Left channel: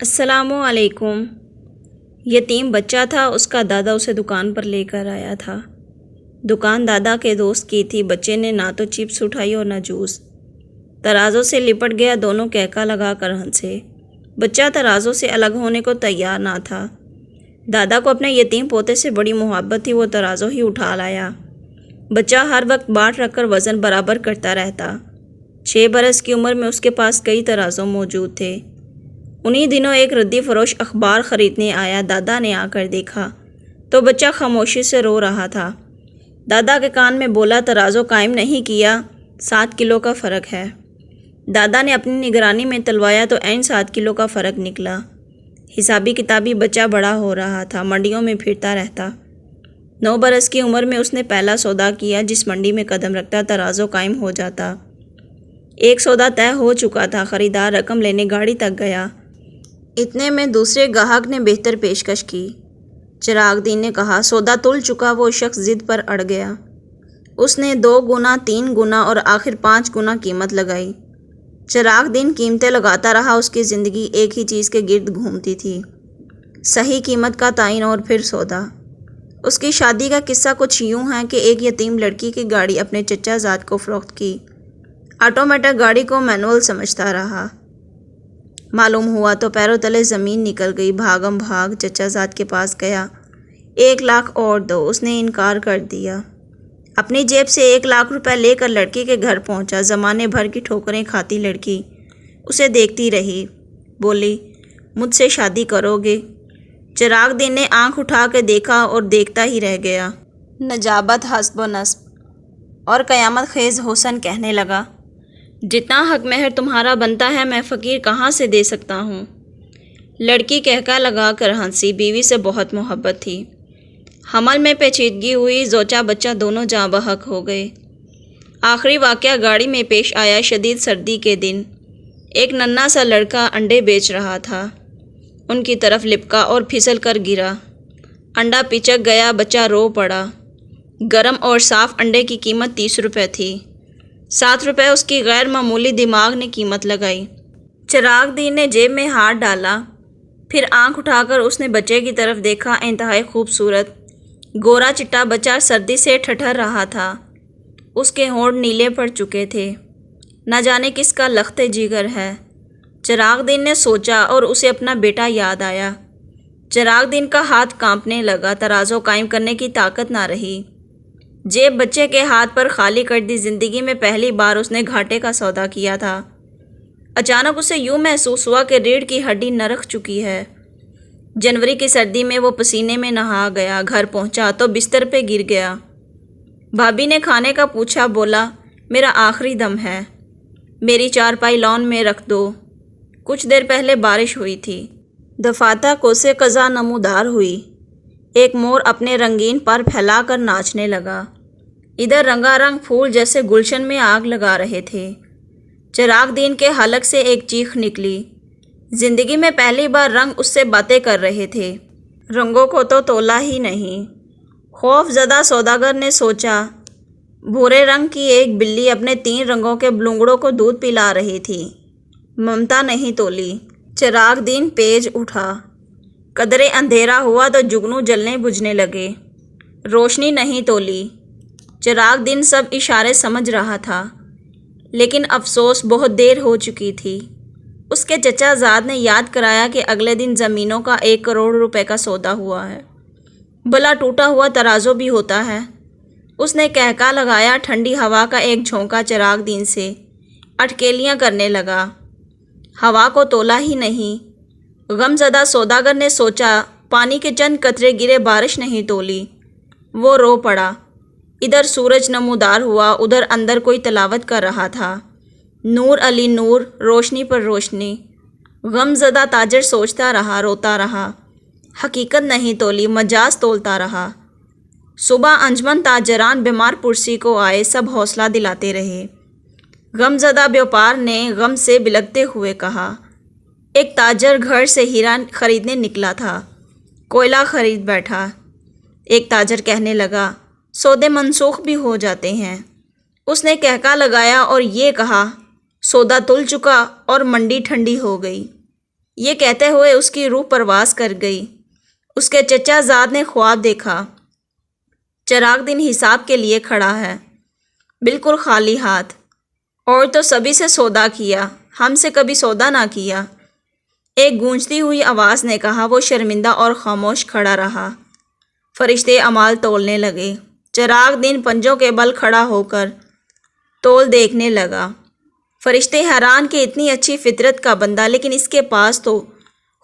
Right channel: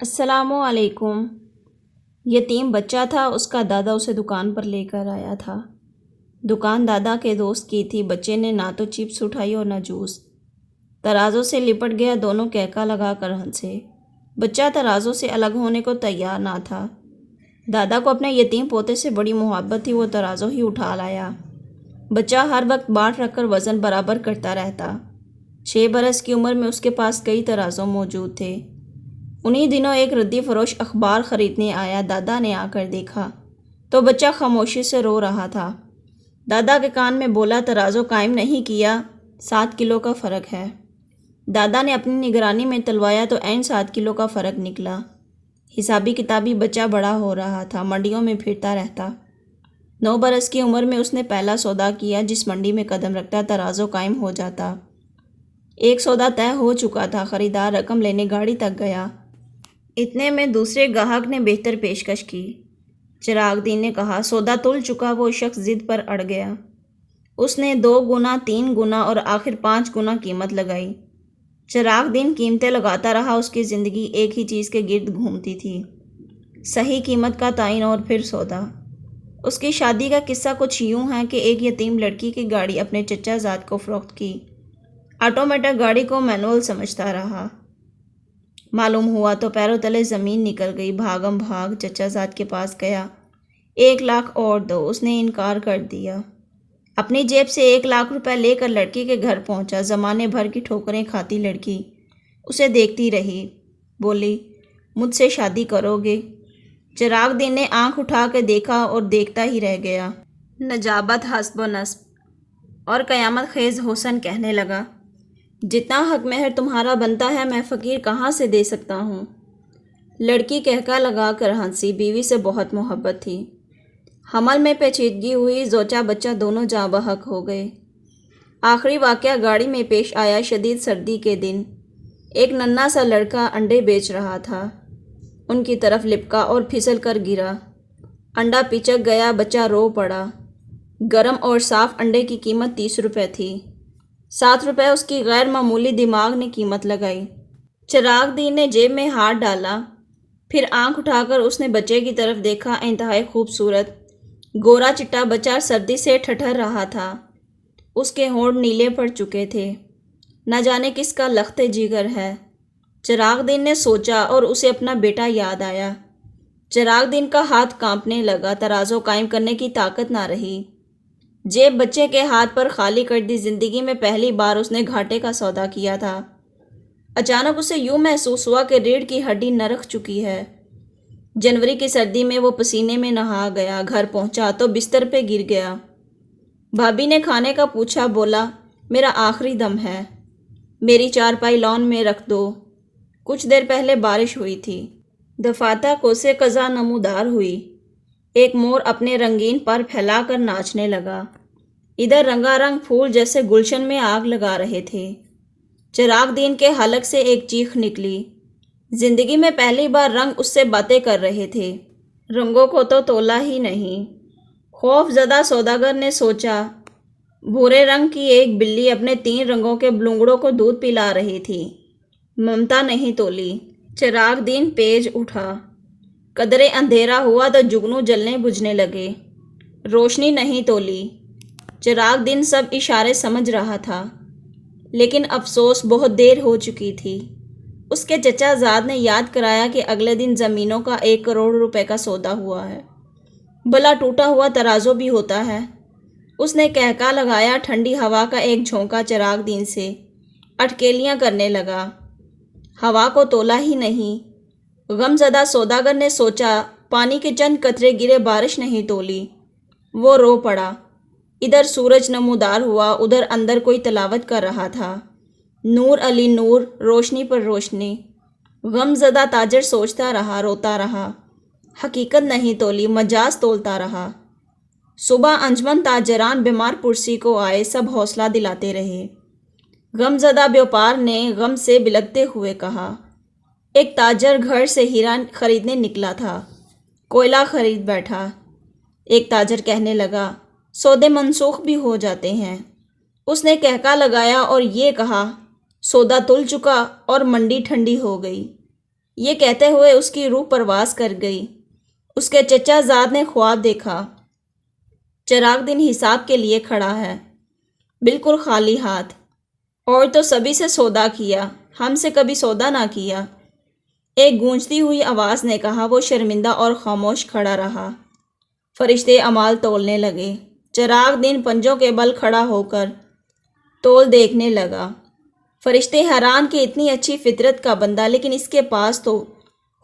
السلام علیکم۔ یتیم بچہ تھا، اس کا دادا اسے دکان پر لے کر آیا تھا۔ دکان دادا کے دوست کی تھی۔ بچے نے نہ تو چپس اٹھائی اور نہ جوس۔ ترازوں سے لپٹ گیا، دونوں کہکا لگا کر ہنسے۔ بچہ ترازوں سے الگ ہونے کو تیار نہ تھا۔ دادا کو اپنے یتیم پوتے سے بڑی محبت تھی، وہ ترازو ہی اٹھا لایا۔ بچہ ہر وقت باٹ رکھ کر وزن برابر کرتا رہتا۔ 6 برس کی عمر میں اس کے پاس کئی ترازو موجود تھے۔ انہی دنوں ایک ردی فروش اخبار خریدنے آیا۔ دادا نے آ کر دیکھا تو بچہ خاموشی سے رو رہا تھا۔ دادا کے کان میں بولا، ترازو قائم نہیں کیا، 7 کلو کا فرق ہے۔ دادا نے اپنی نگرانی میں تلوایا تو عین 7 کلو کا فرق نکلا۔ حسابی کتابی بچہ بڑا ہو رہا تھا، منڈیوں میں پھرتا رہتا۔ 9 برس کی عمر میں اس نے پہلا سودا کیا۔ جس منڈی میں قدم رکھتا ترازو قائم ہو جاتا۔ ایک سودا طے ہو چکا تھا، خریدار رقم لینے گاڑی تک گیا۔ اتنے میں دوسرے گاہک نے بہتر پیشکش کی۔ چراغ دین نے کہا، سودا تل چکا۔ وہ شخص ضد پر اڑ گیا۔ اس نے 2 گنا، 3 گنا اور آخر 5 گنا قیمت لگائی۔ چراغ دین قیمتیں لگاتا رہا۔ اس کی زندگی ایک ہی چیز کے گرد گھومتی تھی، صحیح قیمت کا تعین اور پھر سودا۔ اس کی شادی کا قصہ کچھ یوں ہے کہ ایک یتیم لڑکی کی گاڑی اپنے چچا زاد کو فروخت کی۔ آٹومیٹک گاڑی کو مینول سمجھتا رہا۔ معلوم ہوا تو پیروں تلے زمین نکل گئی۔ بھاگم بھاگ چچا زاد کے پاس گیا۔ 1 لاکھ اور دو۔ اس نے انکار کر دیا۔ اپنی جیب سے 1 لاکھ روپے لے کر لڑکی کے گھر پہنچا۔ زمانے بھر کی ٹھوکریں کھاتی لڑکی اسے دیکھتی رہی۔ بولی، مجھ سے شادی کرو گے؟ چراغ دین نے آنکھ اٹھا کے دیکھا اور دیکھتا ہی رہ گیا۔ نجابت حسب و نسب اور قیامت خیز حسن کہنے لگا، جتنا حق مہر تمہارا بنتا ہے میں فقیر کہاں سے دے سکتا ہوں؟ لڑکی کہکا لگا کر ہنسی۔ بیوی سے بہت محبت تھی۔ حمل میں پیچیدگی ہوئی، زوجہ بچہ دونوں جاں بحق ہو گئے۔ آخری واقعہ گاڑی میں پیش آیا۔ شدید سردی کے دن ایک ننھا سا لڑکا انڈے بیچ رہا تھا۔ ان کی طرف لپکا اور پھسل کر گرا۔ انڈا پچک گیا، بچہ رو پڑا۔ گرم اور صاف انڈے کی قیمت 30 روپے تھی۔ 7 روپے اس کی غیر معمولی دماغ نے قیمت لگائی۔ چراغ دین نے جیب میں ہاتھ ڈالا، پھر آنکھ اٹھا کر اس نے بچے کی طرف دیکھا۔ انتہائی خوبصورت گورا چٹا بچہ سردی سے ٹھٹھر رہا تھا۔ اس کے ہونٹ نیلے پڑ چکے تھے۔ نہ جانے کس کا لخت جگر ہے، چراغ دین نے سوچا، اور اسے اپنا بیٹا یاد آیا۔ چراغ دین کا ہاتھ کانپنے لگا۔ ترازو قائم کرنے کی طاقت نہ رہی۔ جیب بچے کے ہاتھ پر خالی کر دی۔ زندگی میں پہلی بار اس نے گھاٹے کا سودا کیا تھا۔ اچانک اسے یوں محسوس ہوا کہ ریڑھ کی ہڈی نرخ چکی ہے۔ جنوری کی سردی میں وہ پسینے میں نہا گیا۔ گھر پہنچا تو بستر پہ گر گیا۔ بھابھی نے کھانے کا پوچھا۔ بولا، میرا آخری دم ہے، میری چارپائی لان میں رکھ دو۔ کچھ دیر پہلے بارش ہوئی تھی۔ دفاتر کوسے قضا نمودار ہوئی۔ ایک مور اپنے رنگین پر پھیلا کر ناچنے لگا۔ ادھر رنگا رنگ پھول جیسے گلشن میں آگ لگا رہے تھے۔ چراغ دین کے حلق سے ایک چیخ نکلی۔ زندگی میں پہلی بار رنگ اس سے باتیں کر رہے تھے۔ رنگوں کو تو تولا ہی نہیں۔ خوف زدہ سوداگر نے سوچا، بھورے رنگ کی ایک بلی اپنے 3 رنگوں کے بلونگڑوں کو دودھ پلا رہی تھی۔ ممتا نہیں تولی۔ چراغ دین پیج اٹھا۔ قدرے اندھیرا ہوا تو جگنو جلنے بجھنے لگے۔ روشنی نہیں تولی۔ چراغ دین سب اشارے سمجھ رہا تھا، لیکن افسوس بہت دیر ہو چکی تھی۔ اس کے چچا زاد نے یاد کرایا کہ اگلے دن زمینوں کا 1 کروڑ روپے کا سودا ہوا ہے۔ بھلا ٹوٹا ہوا ترازو بھی ہوتا ہے؟ اس نے کہکا لگایا۔ ٹھنڈی ہوا کا ایک جھونکا چراغ دین سے اٹکیلیاں کرنے لگا۔ ہوا کو تولا ہی نہیں۔ غم زدہ سوداگر نے سوچا، پانی کے چند قطرے گرے، بارش نہیں تولی۔ وہ رو پڑا۔ ادھر سورج نمودار ہوا، ادھر اندر کوئی تلاوت کر رہا تھا، نور علی نور، روشنی پر روشنی۔ غم زدہ تاجر سوچتا رہا، روتا رہا۔ حقیقت نہیں تولی، مجاز تولتا رہا۔ صبح انجمن تاجران بیمار پرسی کو آئے، سب حوصلہ دلاتے رہے۔ غم زدہ بیوپار نے غم سے بلکتے ہوئے کہا، ایک تاجر گھر سے ہیرا خریدنے نکلا تھا، کوئلہ خرید بیٹھا۔ ایک تاجر کہنے لگا، سودے منسوخ بھی ہو جاتے ہیں۔ اس نے کہکا لگایا اور یہ کہا، سودا تل چکا اور منڈی ٹھنڈی ہو گئی۔ یہ کہتے ہوئے اس کی روح پرواز کر گئی۔ اس کے چچا زاد نے خواب دیکھا۔ چراغ دن حساب کے لیے کھڑا ہے، بالکل خالی ہاتھ، اور تو سبھی سے سودا کیا، ہم سے کبھی سودا نہ کیا۔ ایک گونجتی ہوئی آواز نے کہا۔ وہ شرمندہ اور خاموش کھڑا رہا۔ فرشتے اعمال تولنے لگے۔ چراغ دن پنجوں کے بل کھڑا ہو کر تول دیکھنے لگا۔ فرشتے حیران کہ اتنی اچھی فطرت کا بندہ، لیکن اس کے پاس تو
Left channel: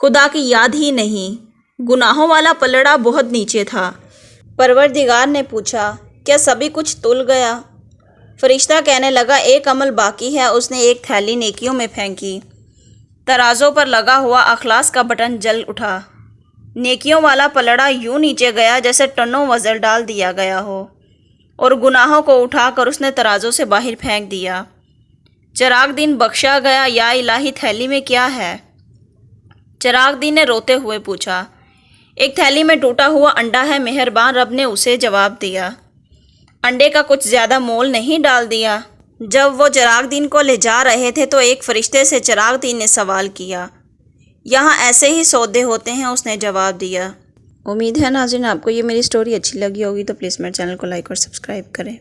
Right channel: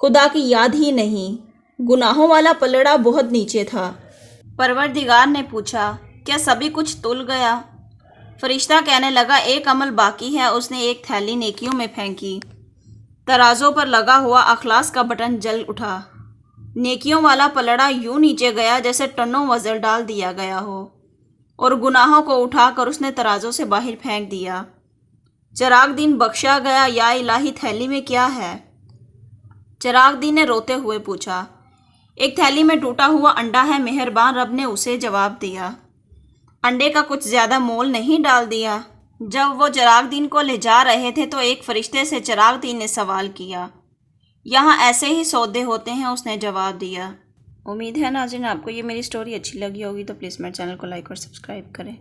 خدا کی یاد ہی نہیں۔ گناہوں والا پلڑا بہت نیچے تھا۔ پروردگار نے پوچھا، کیا سبھی کچھ تل گیا؟ فرشتہ کہنے لگا، ایک عمل باقی ہے۔ اس نے ایک تھیلی نیکیوں میں پھینکی۔ ترازوں پر لگا ہوا اخلاص کا بٹن جل اٹھا۔ نیکیوں والا پلڑا یوں نیچے گیا جیسے ٹنوں وزن ڈال دیا گیا ہو، اور گناہوں کو اٹھا کر اس نے ترازوں سے باہر پھینک دیا۔ چراغ دن بخشا گیا۔ یا الہی، تھیلی میں کیا ہے؟ چراغ دن نے روتے ہوئے پوچھا۔ ایک تھیلی میں ٹوٹا ہوا انڈا ہے مہربان رب نے اسے جواب دیا۔ انڈے کا کچھ زیادہ مول نہیں ڈال دیا۔ جب وہ چراغ دن کو لے جا رہے تھے تو ایک فرشتے سے چراغ دن نے سوال کیا، یہاں ایسے ہی سودے ہوتے ہیں؟ اس نے جواب دیا۔ امید ہے ناظرین آپ کو یہ میری سٹوری اچھی لگی ہوگی، تو پلیز میرے چینل کو لائک اور سبسکرائب کریں۔